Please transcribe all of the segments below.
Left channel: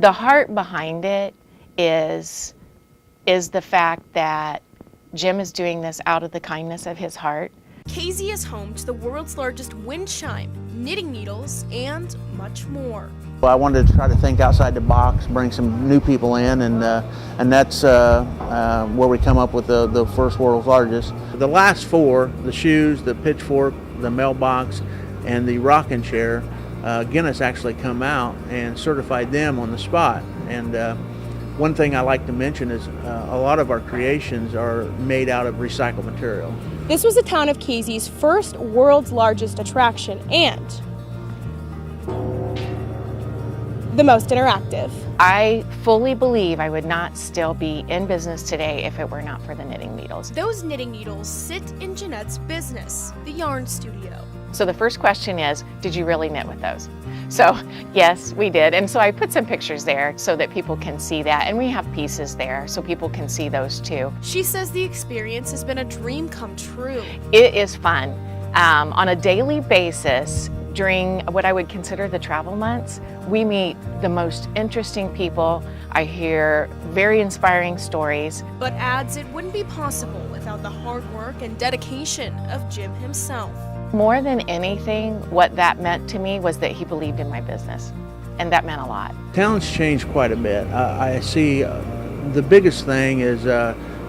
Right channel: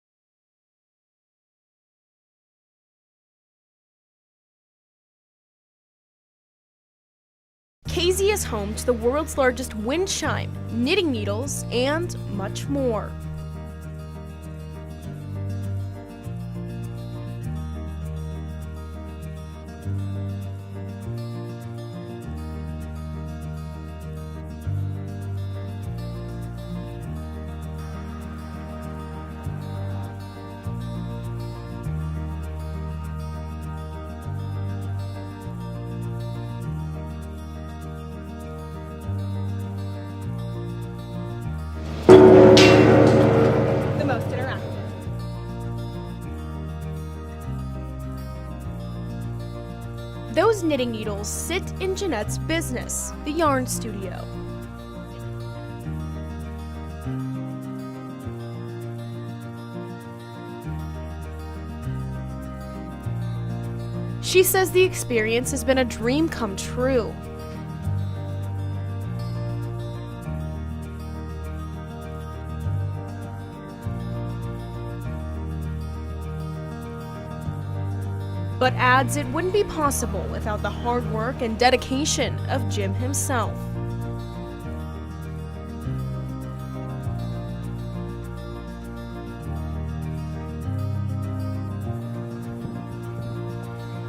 The heart behind it is the fact that Jim is doing this out of the kindness of his heart. Casey is home to the world's largest wind chime, knitting needles, and much more. Well, I wanted to try to think outside the box, bring some new people in, and that's where we come up with the first world's largest. The last four, the shoes, the pitchfork, the mailbox, and the rocking chair, Guinness actually come out and certified them on the spot. And one thing I like to mention is a lot of our creations are made out of recycled material. This was the town of Casey's first world's largest attraction and the most interactive. I fully believe I would not still be in business today if it were not for the knitting needles. Those knitting needles sit in Jeanette's business, the Yarn Studio. So the first question is, did you really knit with those? So yes, we did. And so I put some pictures there so that people can see that. And we have pieces there so people can see those too. She says the experience has been a dream come true. It is fun. On a daily basis, during what I would consider the travel months, we meet the most interesting people. I hear very inspiring stories. But adds it wouldn't be possible without the hard work and dedication of Jim himself. More than anything, what that meant to me was that he believed in my business, and that meant a lot. Town's changed quite a bit. I see the biggest thing is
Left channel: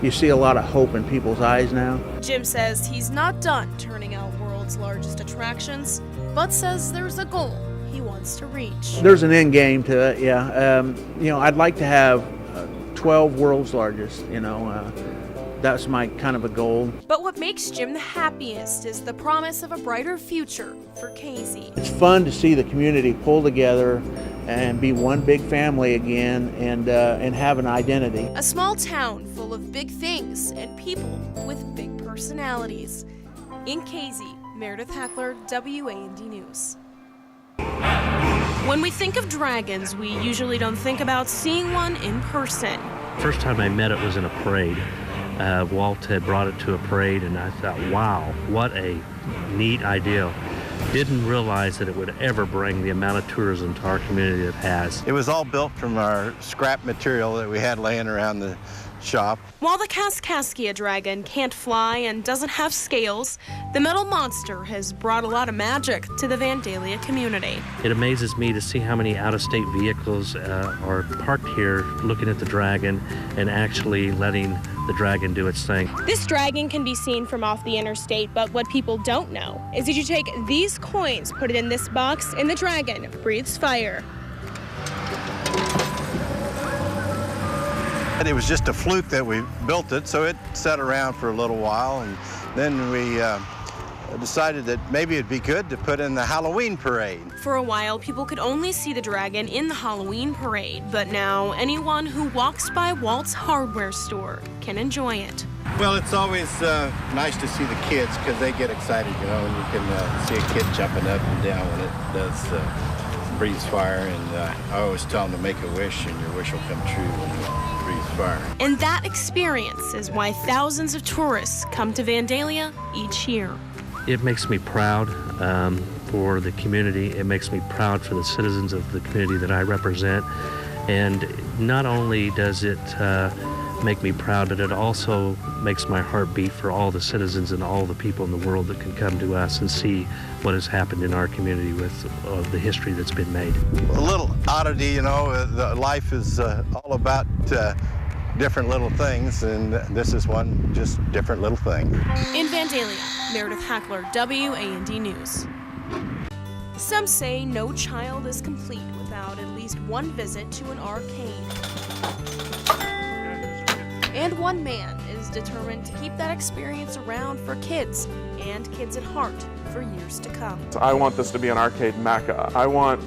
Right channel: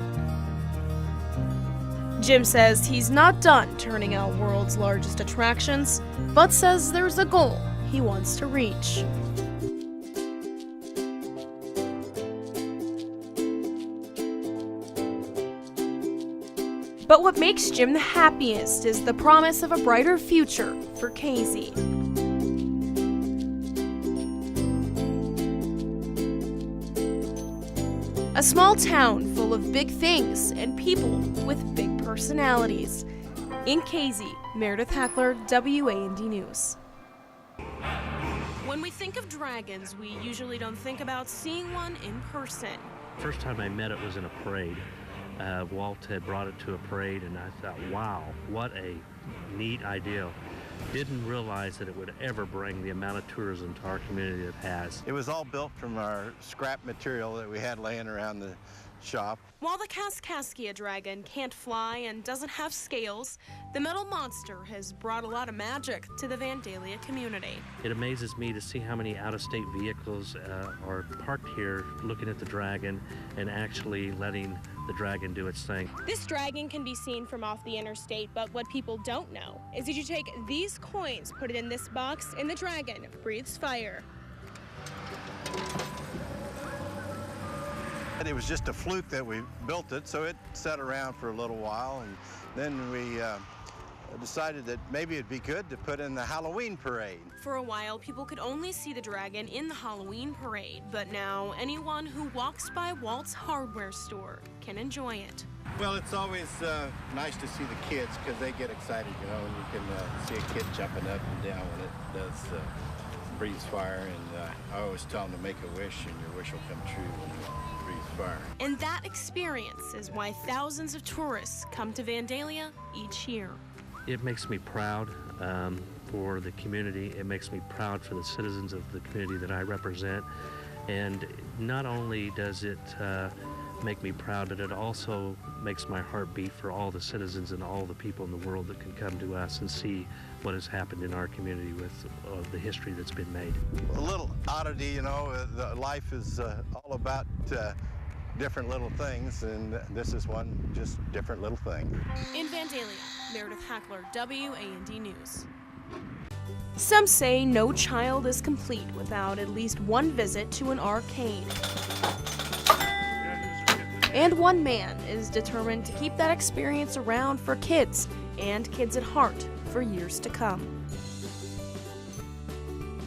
you see a lot of hope in people's eyes now. Jim says he's not done turning out world's largest attractions, but says there's a goal he wants to reach. There's an end game to it, yeah. I'd like to have 12 world's largest, that's my kind of a goal. But what makes Jim the happiest is the promise of a brighter future for Casey. It's fun to see the community pull together and be one big family again and have an identity. A small town full of big things and people with big personalities. In Casey, Meredith Hackler, WAND News. When we think of dragons, we usually don't think about seeing one in person. First time I met it was in a parade. Walt had brought it to a parade, and I thought, wow, what a neat idea. Didn't realize that it would ever bring the amount of tourism to our community that it has. It was all built from our scrap material that we had laying around the shop. While the Kaskaskia dragon can't fly and doesn't have scales, the metal monster has brought a lot of magic to the Vandalia community. It amazes me to see how many out-of-state vehicles are parked here looking at the dragon and actually letting the dragon do its thing. This dragon can be seen from off the interstate, but what people don't know is that you take these coins, put it in this box, and the dragon breathes fire. It was just a fluke that we built it, so it sat around for a little while, and then we decided that maybe it'd be good to put in the Halloween parade. For a while, people could only see the dragon in the Halloween parade, but now anyone who walks by Walt's hardware store can enjoy it. Well, it's always nice to see the kids because they get excited, and you can see a kid jumping up and down when it does breathes fire, and I always tell them to make a wish and your wish will come true when you breathe fire. And that experience is why thousands of tourists come to Vandalia each year. It makes me proud for the community. It makes me proud for the citizens of the community that I represent. And not only does it make me proud, but it also makes my heart beat for all the citizens and all the people in the world that can come to us and see what has happened in our community with the history that's been made. A little oddity, life is all about different little things, and this is one just different little thing. In Vandalia, Meredith Hackler, WAND News. Some say no child is complete without at least one visit to an arcade. And one man is determined to keep that experience around for kids and kids at heart for years to come. I want this to be an arcade mecca. I want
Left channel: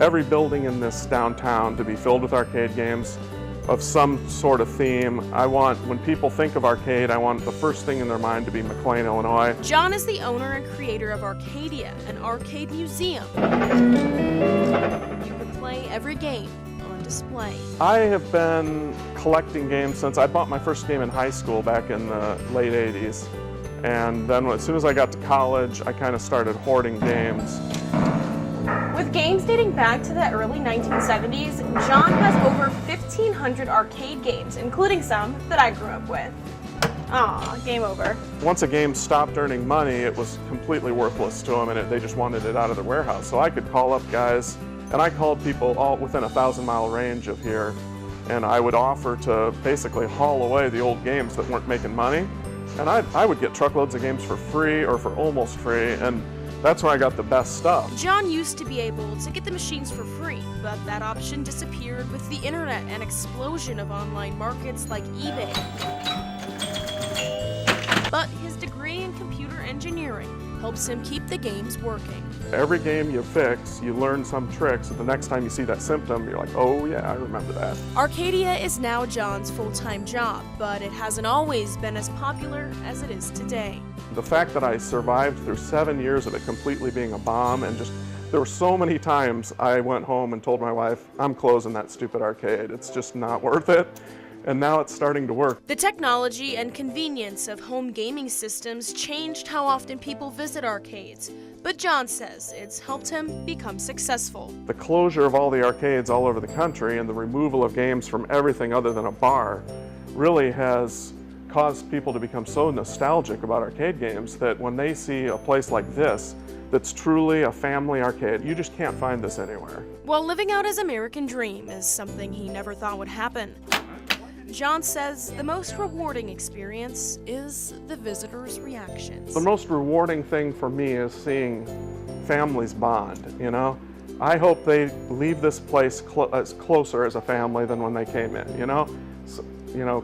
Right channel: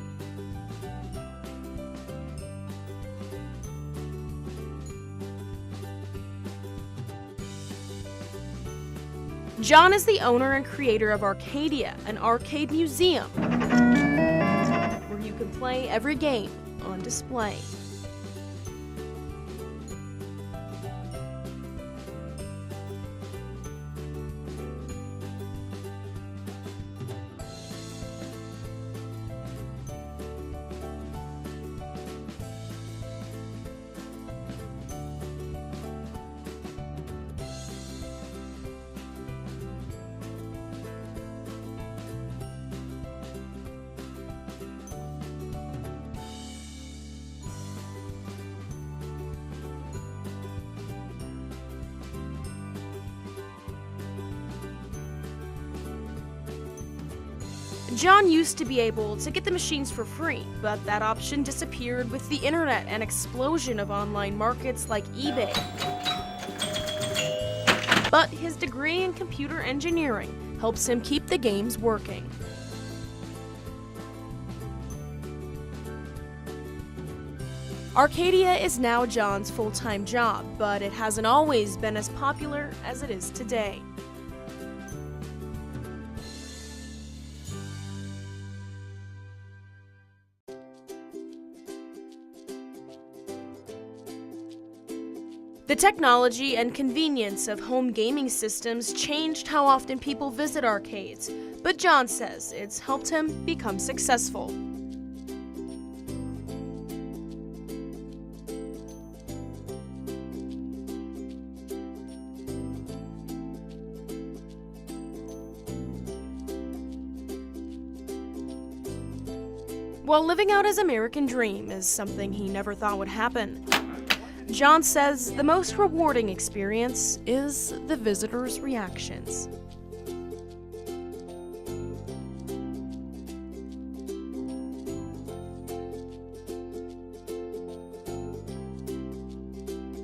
every building in this downtown to be filled with arcade games of some sort of theme. I want, when people think of arcade, I want the first thing in their mind to be McLean, Illinois. John is the owner and creator of Arcadia, an arcade museum. You can play every game on display. I have been collecting games since I bought my first game in high school back in the late 80s. And then as soon as I got to college, I kind of started hoarding games. With games dating back to the early 1970s, John has over 1,500 arcade games, including some that I grew up with. Aw, game over. Once a game stopped earning money, it was completely worthless to them, and they just wanted it out of their warehouse. So I could call up guys, and I called people all within a 1,000-mile range of here, and I would offer to basically haul away the old games that weren't making money. And I would get truckloads of games for free or for almost free, and that's where I got the best stuff. John used to be able to get the machines for free, but that option disappeared with the internet and explosion of online markets like eBay. But his degree in computer engineering helps him keep the games working. Every game you fix, you learn some tricks, and the next time you see that symptom, you're like, oh yeah, I remember that. Arcadia is now John's full-time job, but it hasn't always been as popular as it is today. The fact that I survived through 7 years of it completely being a bomb, and just, there were so many times I went home and told my wife, I'm closing that stupid arcade, it's just not worth it. And now it's starting to work. The technology and convenience of home gaming systems changed how often people visit arcades, but John says it's helped him become successful. The closure of all the arcades all over the country and the removal of games from everything other than a bar really has caused people to become so nostalgic about arcade games that when they see a place like this that's truly a family arcade, you just can't find this anywhere. While living out his American dream is something he never thought would happen, John says the most rewarding experience is the visitors' reactions. The most rewarding thing for me is seeing families bond, you know? I hope they leave this place as closer as a family than when they came in, you know? So, you know,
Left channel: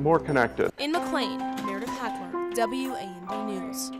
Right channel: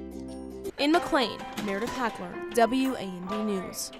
more connected. In McLean, Meredith Hackler, WAND News.